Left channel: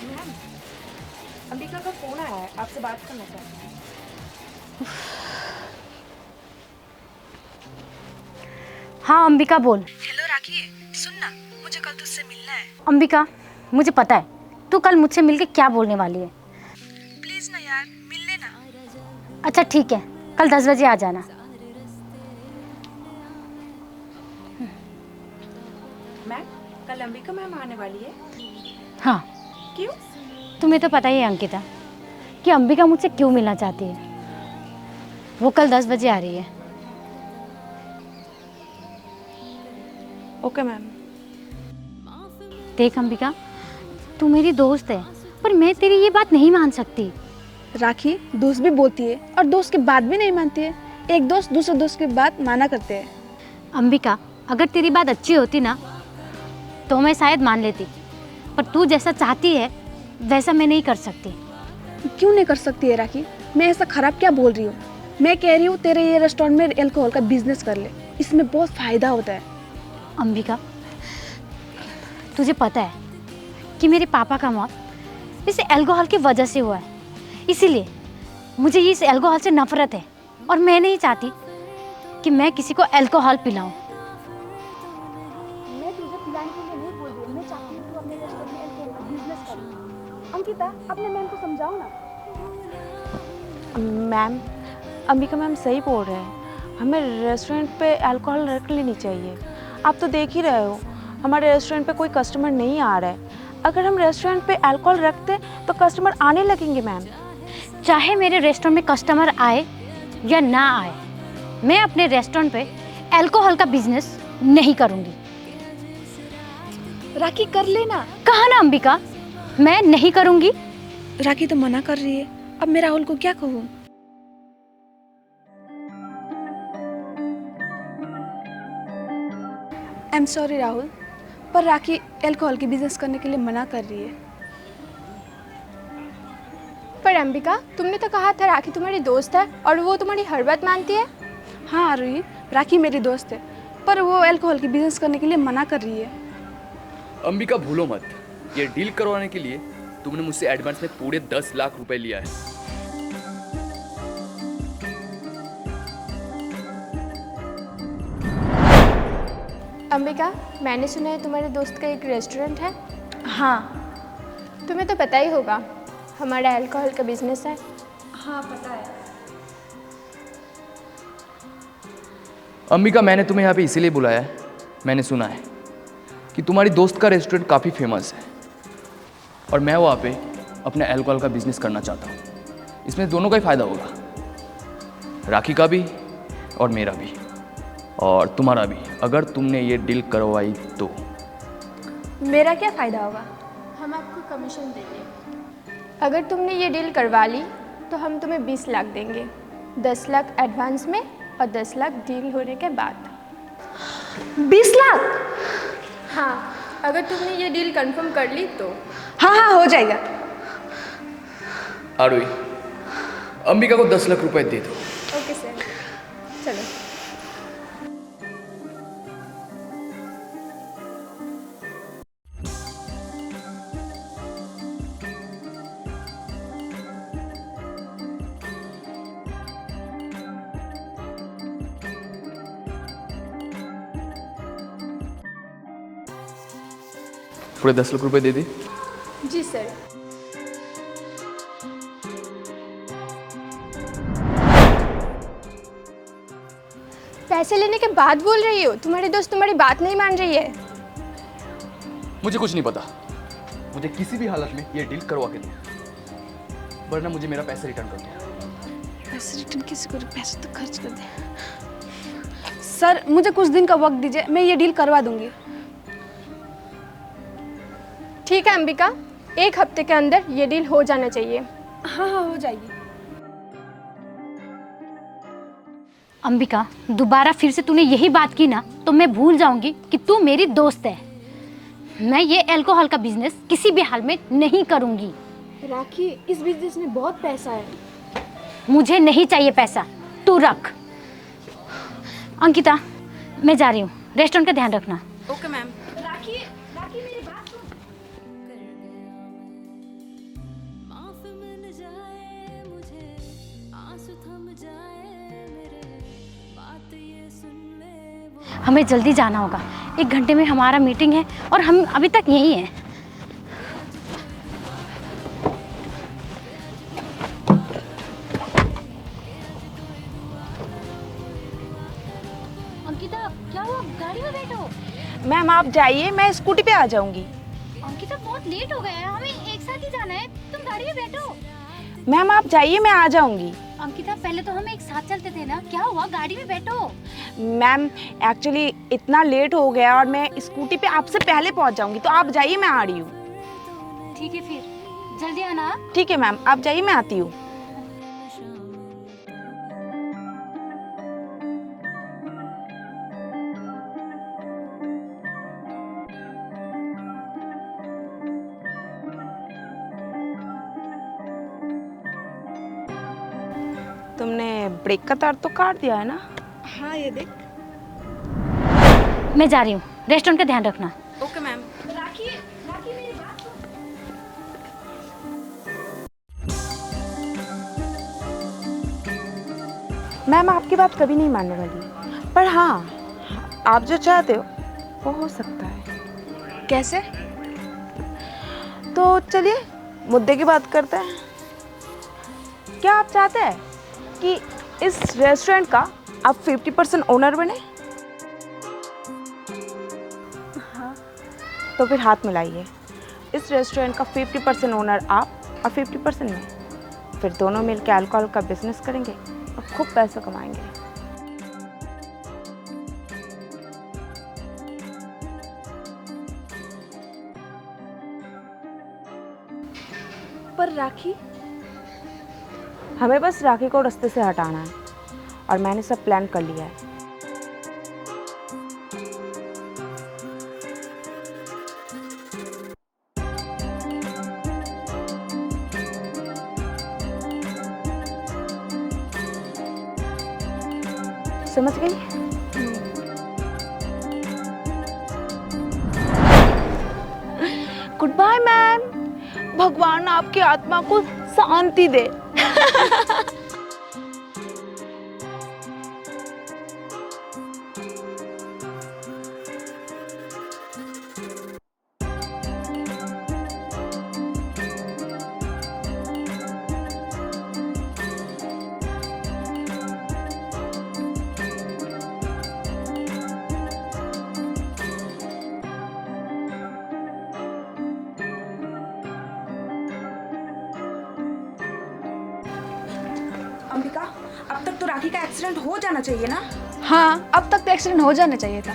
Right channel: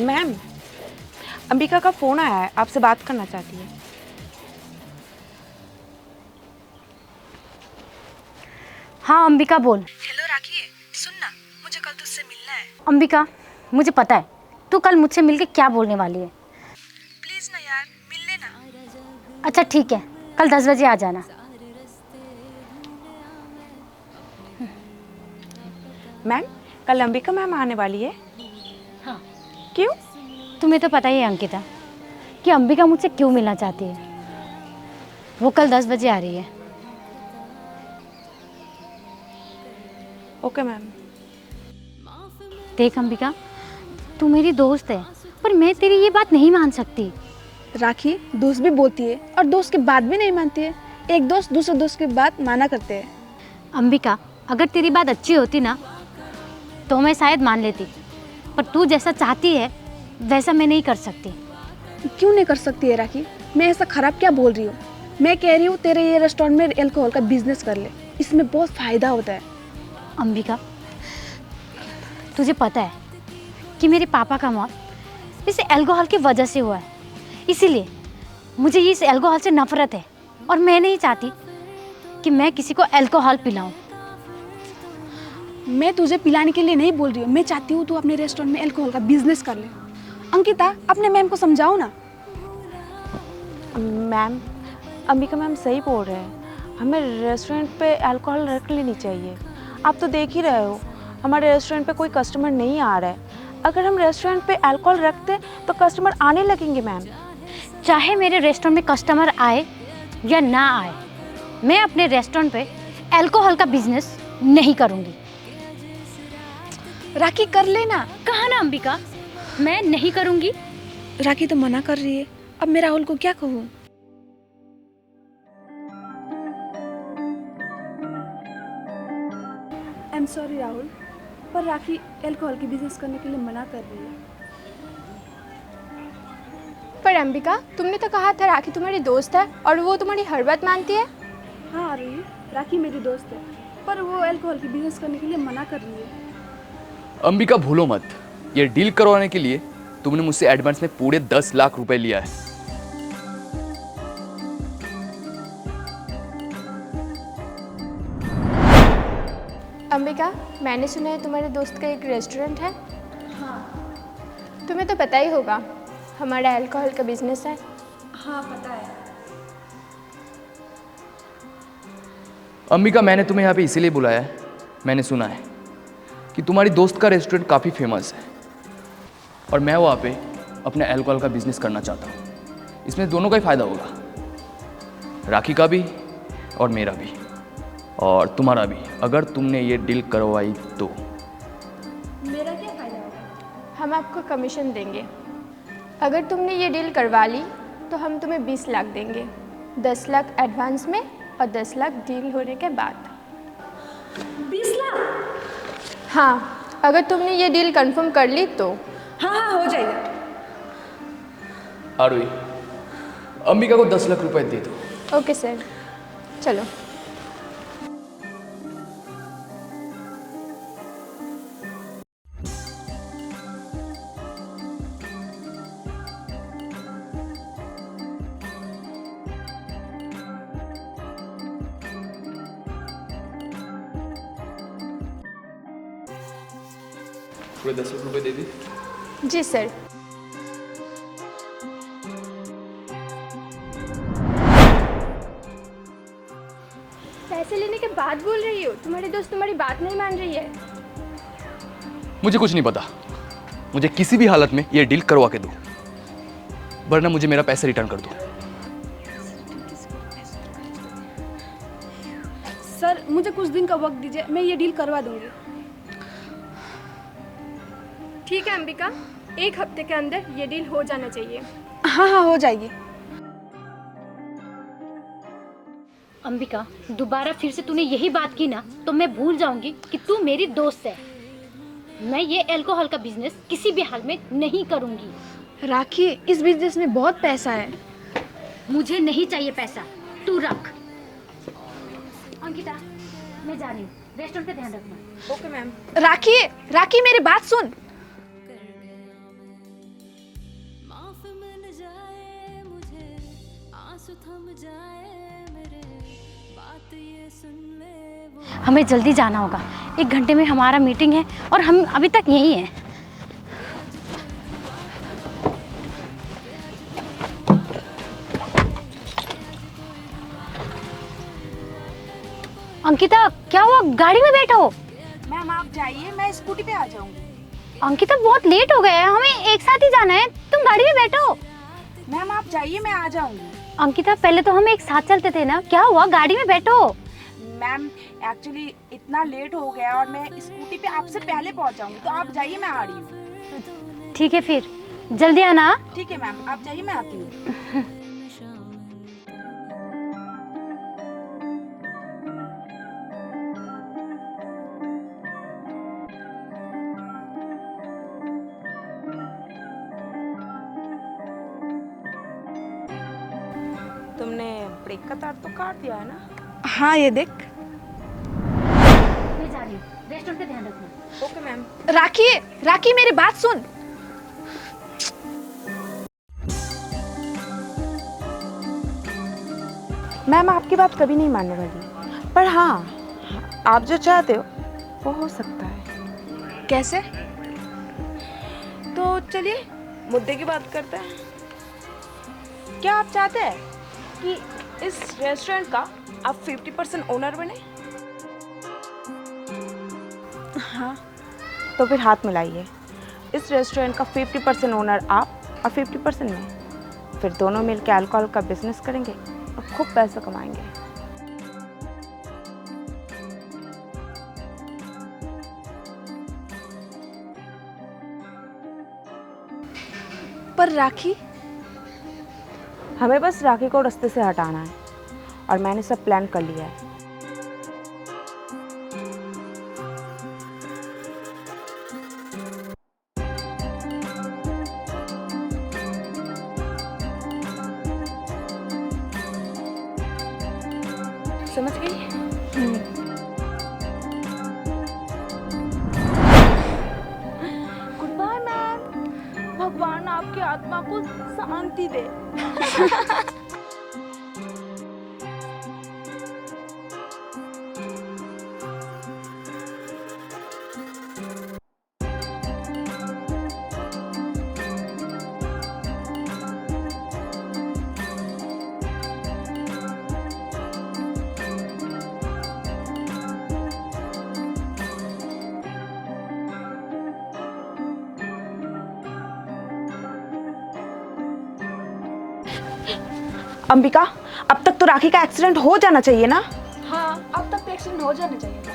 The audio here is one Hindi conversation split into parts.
मैम, अंबिका का फोन आया है, आपसे बात करना चाहती है। हाँ अंबिका बोल। हेलो राखी, सुन ना, मुझे कल तुझसे मिलना है। अंबिका मुझे पता है तू कल मुझसे मिलके क्या बोलने वाली है। प्लीज ना यार, मिल लेना। अच्छा ठीक है, कल 10 बजे आ जाना। मैम, कल अंबिका मैम आने वाली है। हाँ, क्यों? तुम्हें तो पता ही है अंकिता कि अंबिका मुझसे क्यों मिलना चाहती है। वो कल 10 बजे आ रही है। Okay ma'am. देख अंबिका, तू मेरी दोस्त है पर मैं तेरी ये बात नहीं मान सकती। राखी दोस्त भी बोलती है और दोस्त की बात भी नहीं मानती है। एक दोस्त दूसरे दोस्त की बात माना करते हैं। अंबिका, अगर तेरी बात अच्छी होती ना तो मैं शायद मान लेती, पर तू जैसा चाहती है वैसा मैं नहीं कर सकती। क्यों नहीं कर सकती है राखी? मैं ऐसा खराब क्या बोल रही हूँ? मैं कह रही हूँ तेरे ये रेस्टोरेंट में अल्कोहल का बिजनेस कर ले, इसमें बहुत फायदा होता है। अंबिका, तुझे पता है कि मेरे पापा का मौत इस अल्कोहल की वजह से हुआ है, इसीलिए मुझे इस अल्कोहल से नफरत है और मैं नहीं चाहती कि मैं किसी को अल्कोहल पिलाऊं। मैं तुझे पिलाने के लिए नहीं बोल रही हूँ, मैं चाहती हूँ तू अपने रेस्टोरेंट में अल्कोहल का बिजनेस कर ले। अंकिता, अपने मैम को समझाओ ना। मैम, अंबिका मैम सही बोल रहे हैं, हमें रेस्टोरेंट पे अल्कोहल रख लेनी चाहिए। आप तो देख ही रहे हो, हमारे रेस्टोरेंट पे कोई कस्टमर नहीं आ रहा है। अगर हम रेस्टोरेंट पे अल्कोहल रखते तो कस्टमर आने लगेंगे मैम। चाहे मेरे रेस्टोरेंट में कस्टमर आए या ना आए, मैं अपने रेस्टोरेंट पे अल्कोहल का बिजनेस नहीं करूंगी। राखी कर लेना। कहा ना अंबिका, मैं नहीं करूंगी। राखी तो मना कर रही है, अब मैं राहुल को क्या कहूँ? आई एम सॉरी राहुल, पर राखी अल्कोहल की बिजनेस करने के लिए मना कर रही है। पर अंबिका, तुमने तो कहा था राखी तुम्हारी दोस्त है और वो तुम्हारी हर बात मानती है। हाँ आरुषि, राखी मेरी दोस्त है, पर वो अल्कोहल की बिजनेस करने के लिए मना कर रही है। अंबिका भूलो मत, ये डील करवाने के लिए तुमने मुझसे एडवांस में पूरे 10 लाख रुपए लिया है। अंबिका, मैंने सुना है तुम्हारे दोस्त का एक रेस्टोरेंट है। हाँ। तुम्हें तो पता ही होगा हमारा अल्कोहल का बिजनेस है। हाँ पता है। अंबिका, मैंने तुम्हें यहाँ पे इसीलिए बुलाया है, मैंने सुना है कि तुम्हारी दोस्त का रेस्टोरेंट काफ़ी फेमस है और मैं वहाँ पे अपने अल्कोहल का बिजनेस करना चाहता हूँ। इसमें दोनों का ही फ़ायदा होगा, राखी का भी और मेरा भी और तुम्हारा भी, अगर तुमने ये डील करवाई तो। मेरा क्या फ़ायदा होगा? हम आपको कमीशन देंगे। अगर तुमने ये डील करवा ली तो हम तुम्हें 20 लाख देंगे, 10 लाख एडवांस में और 10 लाख डील होने के बाद। 20 लाख? हाँ, अगर तुमने ये डील कंफर्म कर ली तो। हाँ हाँ हो जाएगा। आरुई, अंबिका को 10 लाख रुपए दे दो। ओके सर, चलो। पूरे 10 लाख रुपए दे दे। जी सर। पैसे लेने के बाद बोल रही हो? तुम्हारी दोस्त तुम्हारी बात नहीं मान रही है। मुझे कुछ नहीं पता, मुझे किसी भी हालत में ये डील करवा के दो, वरना मुझे मेरा पैसा रिटर्न कर दो। पैसे रिटर्न किसी को? पैसे तो खर्च कर दे। सर मुझे कुछ दिन का वक्त दीजिए, मैं ये डील करवा दूंगी। ठीक है अंबिका, 1 हफ्ते के अंदर ये डील हो जाना चाहिए। हाँ हाँ हो जाएगी। अंबिका, दोबारा फिर से तूने यही बात की ना तो मैं भूल जाऊंगी कि तू मेरी दोस्त है। मैं ये अल्कोहल का बिजनेस किसी भी हाल में नहीं करूंगी। राखी, इस बिजनेस में बहुत पैसा है। मुझे नहीं चाहिए पैसा, तू रख। अंकिता, मैं जा रही हूँ, रेस्टोरेंट का ध्यान रखना। Okay ma'am. राखी, राखी मेरी बात सुन। माफ मिल जाए मुझे, आंसू थम जाए मेरे, बात ये सुन ले वो। हमें जल्दी जाना होगा, 1 घंटे में हमारा मीटिंग है और हम अभी तक यहीं हैं। अंकिता, क्या हुआ? गाड़ी में बैठो। मैम आप जाइए, मैं स्कूटी पे आ जाऊंगी। अंकिता, बहुत लेट हो गया है, हमें एक साथ ही जाना है, तुम गाड़ी में बैठो। मैम आप जाइए, मैं आ जाऊंगी। अंकिता, पहले तो हम एक साथ चलते थे ना, क्या हुआ? गाड़ी में बैठो। मैम एक्चुअली इतना लेट हो गया और मैं स्कूटी पे आपसे पहले पहुंच जाऊंगी, तो आप जाइए, मैं आ रही हूँ। ठीक है, फिर जल्दी आना। ठीक है मैम, आप जाइए, मैं आती हूँ। तुमने ब्रेक का तार तो काट दिया है ना? हाँ ये देख। मैं जा रही हूँ, रेस्टोरेंट का ध्यान रखना। Okay ma'am. राखी, राखी मेरी बात सुन। मैम आपकी बात कभी नहीं मानने वाली, पर हाँ आप जो चाहते हो वो हो सकता है। कैसे? तो चलिए मुद्दे की बात करते हैं। क्या आप चाहते हैं कि इस रेस्टोरेंट का आप 50% ओनर बने? हाँ। तो फिर हाथ मिलाइए। इस रेस्टोरेंट का 50% ओनर आप और 50% मैं, फिर दोनों मिलकर अल्कोहल का बिजनेस करेंगे और खूब पैसा कमाएंगे। पर राखी, हमें बस राखी को रास्ते से हटाना है और मैंने सब प्लान कर लिया है। समझ गई? Goodbye ma'am. भगवान आपकी आत्मा को शांति दे। अंबिका, अब तक तो राखी का एक्सीडेंट हो जाना चाहिए ना? हाँ अब तक तो एक्सीडेंट हो जाना चाहिए था।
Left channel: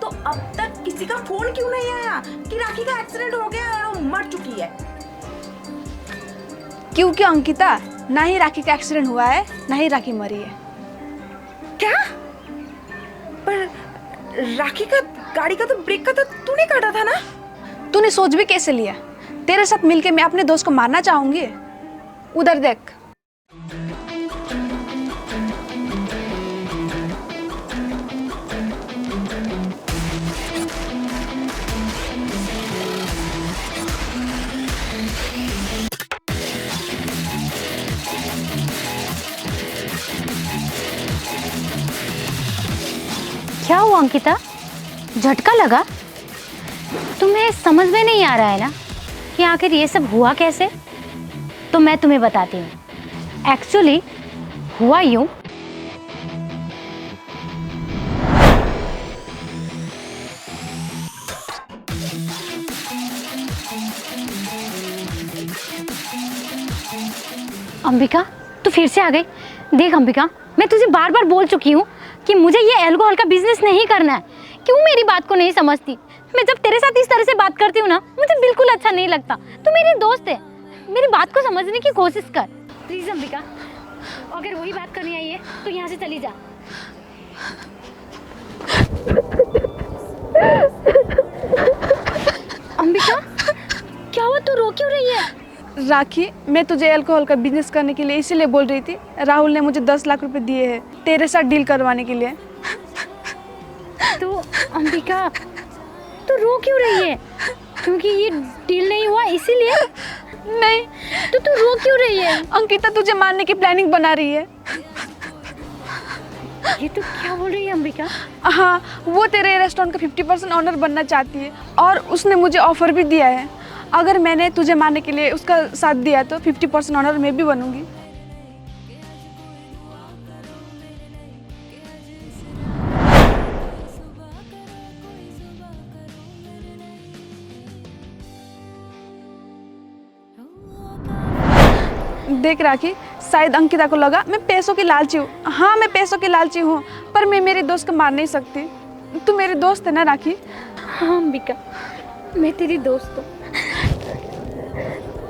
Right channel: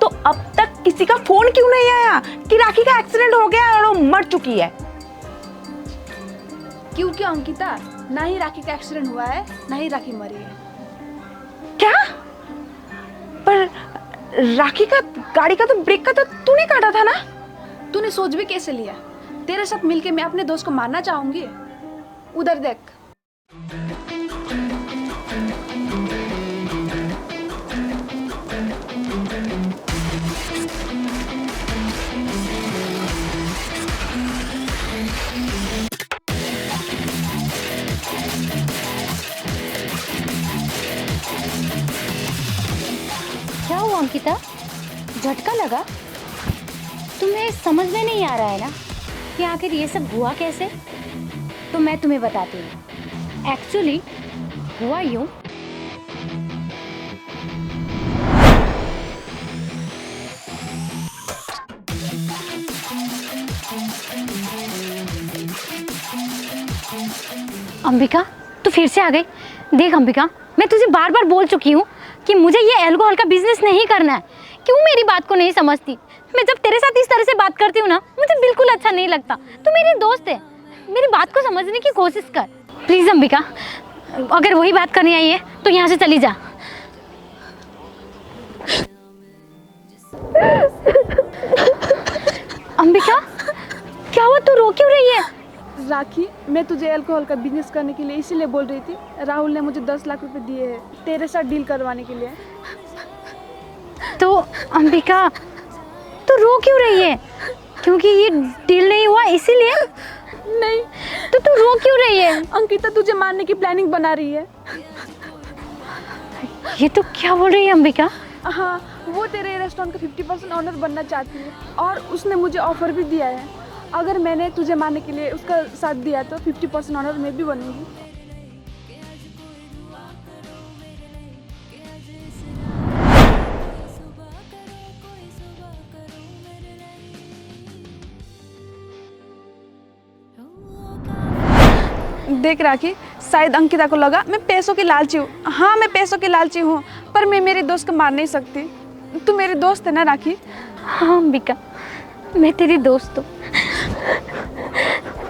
तो अब तक किसी का फोन क्यों नहीं आया कि राखी का एक्सीडेंट हो गया और वो मर चुकी है? क्योंकि अंकिता, ना ही राखी का एक्सीडेंट हुआ है, ना ही राखी मरी है। क्या? पर राखी का गाड़ी का तो ब्रेक का तो तूने काटा था ना? तूने सोच भी कैसे लिया? तेरे साथ मिलके मैं अपने दोस्त को मारना चाहूंगी? उधर देख। क्या हुआ अंकिता, झटका लगा? तुम्हें समझ में नहीं आ रहा है ना कि आखिर ये सब हुआ कैसे? तो मैं तुम्हें बताती हूँ। एक्चुअली हुआ यूं, अंबिका तू फिर से आ गई। देख अंबिका, मैं तुझे बार बार बोल चुकी हूँ कि मुझे ये अल्कोहल का बिजनेस नहीं करना है। क्यों मेरी बात को नहीं समझती? मैं जब तेरे साथ इस तरह से बात करती हूँ ना, मुझे बिल्कुल अच्छा नहीं लगता। तू मेरी दोस्त है, मेरी बात को समझने की कोशिश कर प्लीज़। अंबिका, अगर वही बात करनी आई है तो यहाँ से चली जा। अंबिका, क्या हुआ? तू रो क्यों रही है? राखी, मैं तुझे अल्कोहल का बिजनेस करने के लिए इसीलिए बोल रही थी। राहुल ने मुझे 10 लाख रुपए दिए हैं तेरे साथ डील करवाने के लिए। तो अंबिका, तो रो क्यों रही है? क्योंकि ये डील नहीं हुआ इसीलिए? नहीं तो तू रो क्यों रही है? अंकिता तुझे मारने की प्लानिंग बना रही है। ये तो क्या बोल रही है अंबिका? हाँ, वो तेरे रेस्टोरेंट का 50% ऑनर बनना चाहती है और उसने मुझे ऑफर भी दिया है। अगर मैंने तुझे मारने के लिए उसका साथ दिया तो 50% ऑनर मैं भी बनूंगी। देख राखी, शायद अंकिता को लगा मैं पैसों की लालची हूँ। हाँ, मैं पैसों की लालची हूँ, पर मैं मेरे दोस्त को मार नहीं सकती। तू मेरी दोस्त है ना राखी? हाँ अंबिका, मैं तेरी दोस्त हूँ।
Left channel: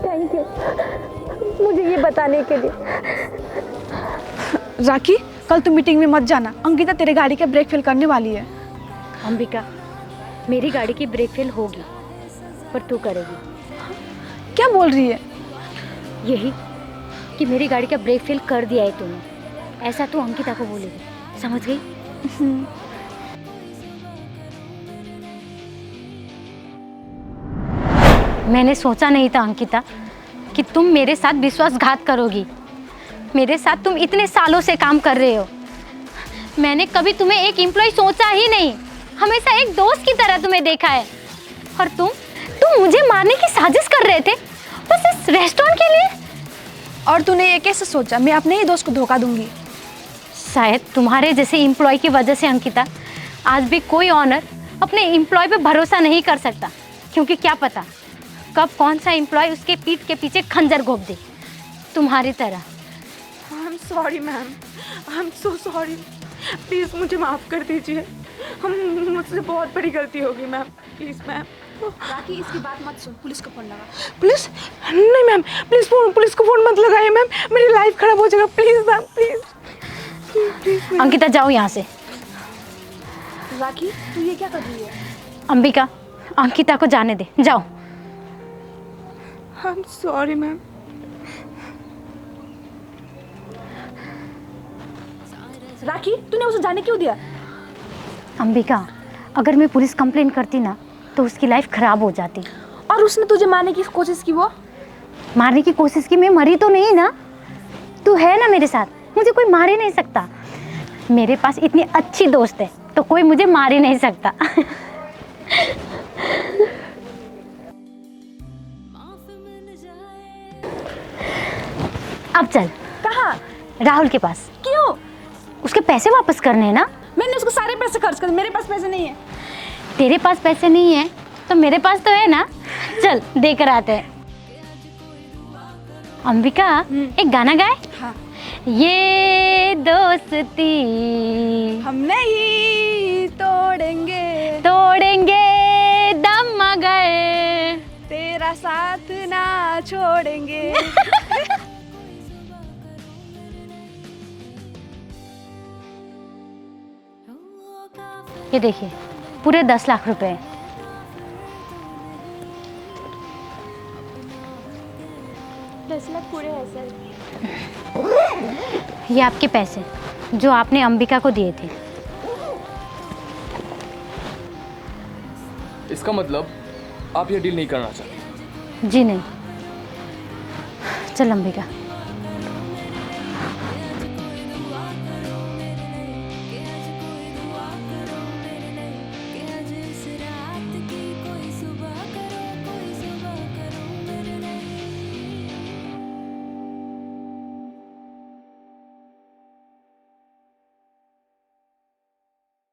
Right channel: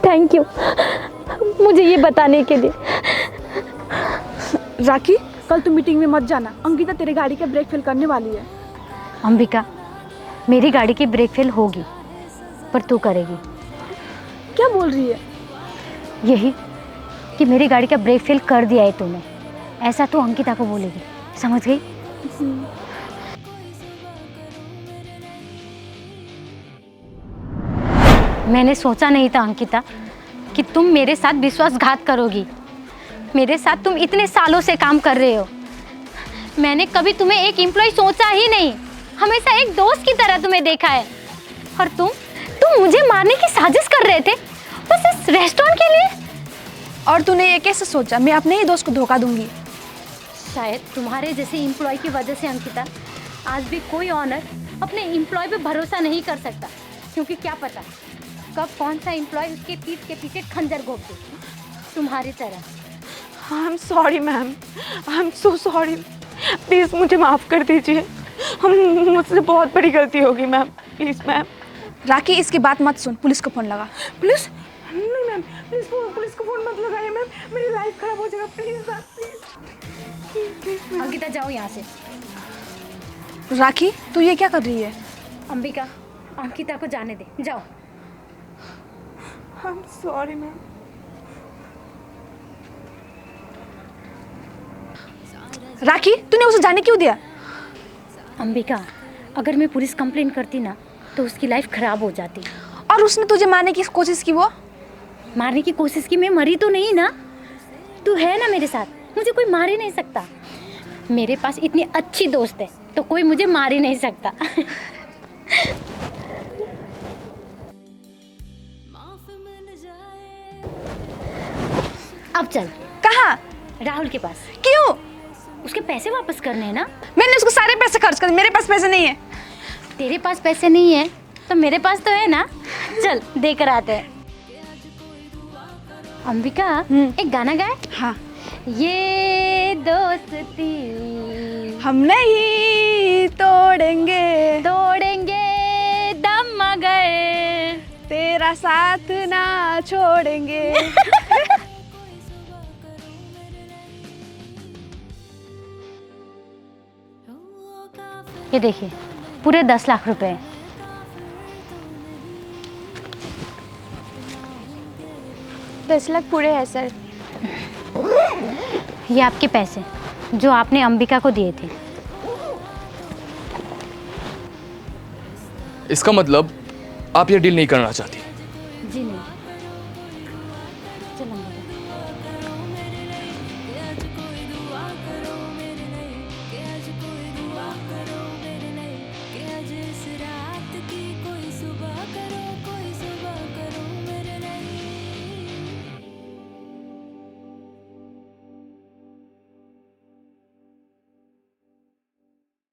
थैंक यू मुझे ये बताने के लिए। राखी, कल तू मीटिंग में मत जाना। अंकिता तेरे गाड़ी का ब्रेक फेल करने वाली है। अंबिका, मेरी गाड़ी की ब्रेक फेल होगी, पर तू करेगी। क्या बोल रही है? यही कि मेरी गाड़ी का ब्रेक फेल कर दिया है तूने, ऐसा तू अंकिता को बोलेगी, समझ गई? मैंने सोचा नहीं था अंकिता कि तुम मेरे साथ विश्वासघात करोगी। मेरे साथ तुम इतने सालों से काम कर रहे हो। मैंने कभी तुम्हें एक एम्प्लॉय सोचा ही नहीं, हमेशा एक दोस्त की तरह तुम्हें देखा है। और तुम मुझे मारने की साजिश कर रहे थे बस इस रेस्टोरेंट के लिए। और तूने ये कैसे सोचा मैं अपने ही दोस्त को धोखा दूंगी? शायद तुम्हारे जैसे एम्प्लॉय की वजह से अंकिता, आज भी कोई ऑनर अपने एम्प्लॉय पे भरोसा नहीं कर सकता, क्योंकि क्या पता कब कौन सा एम्प्लॉय उसके पीठ के पीछे खंजर घोंप दे, तुम्हारी तरह। आई am sorry ma'am, I am so sorry, please मुझे माफ़ कर दीजिए। मुझसे बहुत बड़ी गलती होगी मैम, प्लीज़ मैम। राखी, इसकी बात मत सुन, पुलिस को फोन लगा। पुलिस? नहीं मैम, प्लीज़ पुलिस को फ़ोन मत लगाइए मैम, मेरी लाइफ ख़राब हो जाएगा। Please ma'am, please. अंकिता जाओ यहाँ से। राखी, तू ये क्या कर रही है? अंबिका, अंकिता को जाने दे, जाओ। I am sorry ma'am. Rakhi, तूने उसे जाने क्यों दिया? अंबिका, अगर मैं पुलिस कंप्लेंट करती ना तो उसकी लाइफ खराब हो जाती। और उसने तुझे मारने की कोशिश की। वो मारने की कोशिश की, मैं मरी तो नहीं ना। तू है ना मेरे साथ, मुझे कोई मार ही नहीं सकता। मेरे पास इतनी अच्छी दोस्त है तो कोई मुझे मार ही नहीं सकता। अब चल। कहाँ? राहुल के पास। क्यों? उसके पैसे वापस करने हैं ना। मैंने उसको सारे पैसे खर्च कर दिए, मेरे पास पैसे नहीं है। तेरे पास पैसे नहीं है तो मेरे पास तो है ना, चल देकर आते हैं। अंबिका, एक गाना गाए। हाँ। ये दोस्ती हम नहीं तोड़ेंगे दम मगर तेरा साथ ना छोड़ेंगे। ये देखिए, पूरे 10 लाख रुपए हैं। दस लाख पूरे हैं सर। ये आपके पैसे जो आपने अंबिका को दिए थे। इसका मतलब आप ये डील नहीं करना चाहती? जी नहीं। चल अंबिका।